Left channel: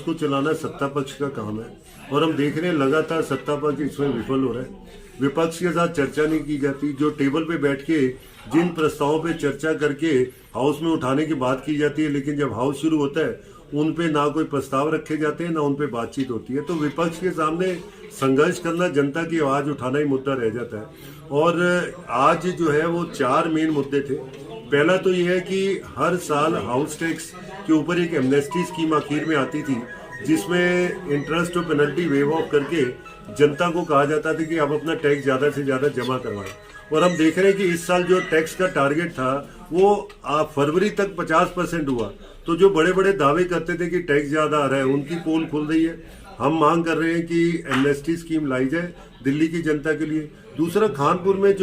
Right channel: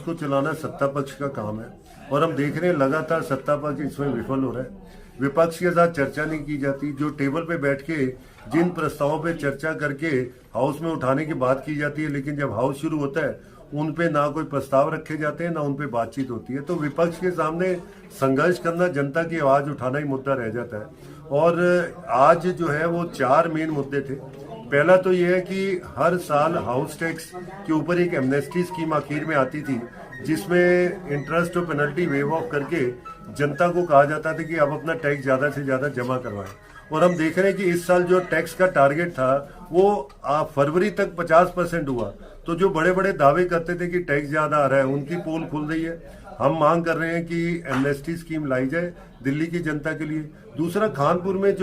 उसको चलाना सत्ता पक्ष का काम है और हम देख रहे हैं लगातार सत्ता पक्ष इसमें विफल हो रहा है। विपक्ष के साथ चर्चा नहीं की जाती। जो टेबल पे बैठ के जिन प्रस्तावों पे चर्चा करके हाउस में उठाने की बात की जाती है, लेकिन जब हाउस शुरू होता है उन पे ना कोई प्रस्ताव रखे जाते हैं ना उन पे बातचीत होती है। तो विपक्ष के सामने संघर्ष करना, जनता की आवाज उठाना ही मुद्दा रह जाता है। और आज जो है वो 4 मेन मुद्दे थे। पहला तो यह है कि हर साल हाउस टैक्स के ऊपर एक एमनेस्टी स्कीम आखिर में आती थी, जिसमें इंटरेस्ट और पेनल्टी वेव ऑफ करके जनता को कहा जाता था कि आप अपना टैक्स ज्यादा से ज्यादा जमा करवाएं। और हम देख रहे हैं कि इस साल जो टैक्स का टारगेट था वो फरवरी तक 50% हुआ। तो जो बड़े बड़े दावे करते थे कि टैक्स ज्यादा आ रहा है, उनकी पोल खुल रही है। हम मांग कर रहे हैं कि एमनेस्टी स्कीम लाई जाए दिल्ली की जनता के लिए। दूसरा, कानपुर में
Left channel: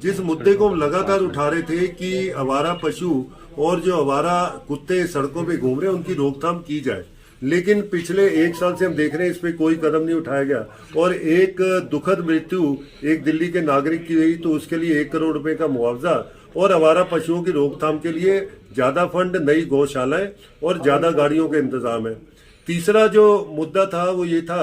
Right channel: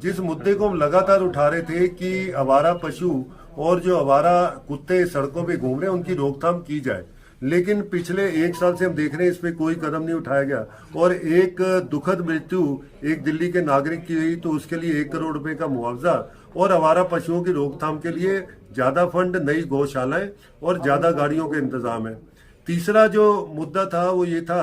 जिस मुद्दे को हम लगातार उठा रहे थे कि आवारा पशु और जो आवारा कुत्ते सड़कों पे घूम रहे हैं उनकी रोकथाम की जाए, लेकिन पिछले 1 साल से हम देख रहे हैं इस पे कोई कदम नहीं उठाया गया। और एक दुखद मृत्यु एक दिल्ली के नागरिक की हुई तो उसके लिए 1 करोड़ रुपए का मुआवजा और आवारा पशुओं की रोकथाम के लिए ज्यादा फंड, नई गौशालाएं और ज्यादा गाड़ियों के इंतजाम है। तीसरा जो मुद्दा था वो ये था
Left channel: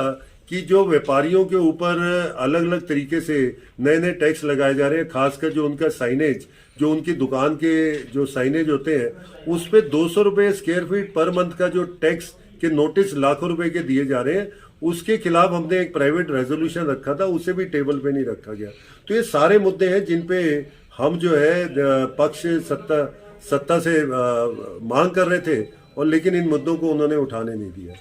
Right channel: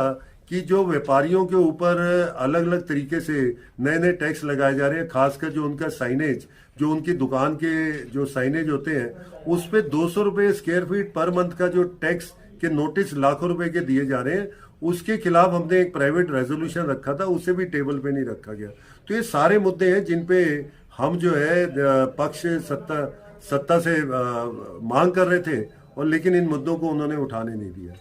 कि जो व्यापारियों के ऊपर अलग अलग तरीके से नए नए टैक्स लगाए जा रहे हैं, खासकर जो उनका साइनेज, जो उनकी दुकान के जो साइनेज होते हैं उस पे 200 रुपए स्क्वायर फीट पर मंथ का जो टैक्स के नोटिस लाखों रुपए के दिए जा रहे हैं, उसके खिलाफ हमने एक प्राइवेट रेजोल्यूशन रखा था, उसे भी टेबल पे नहीं रखा गया। तो ये सारे मुद्दे हैं जिन पे हम जो है पक्ष सत्ता से मांग कर रहे थे, और लेकिन इन मुद्दों को उन्होंने उठाने नहीं दिया।